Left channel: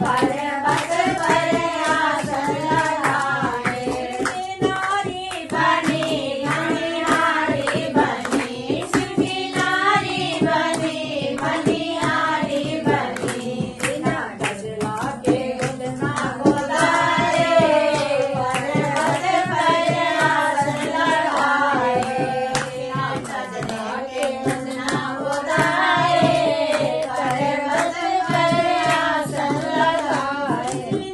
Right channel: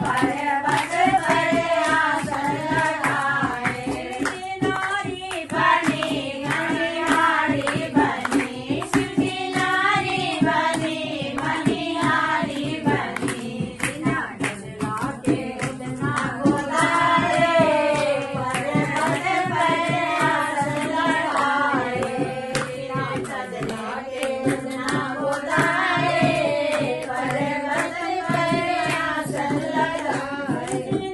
पर्वत पर आसन लगाए। नारी बनी मणिहारी बनी, शिव की नारी बनी मणिहारी बनी। बिना गजला के उतना बुलाए, पर्वत पर आसन लगाए। बिना गजला के उतना बुलाए, पर्वत पर आसन लगाए।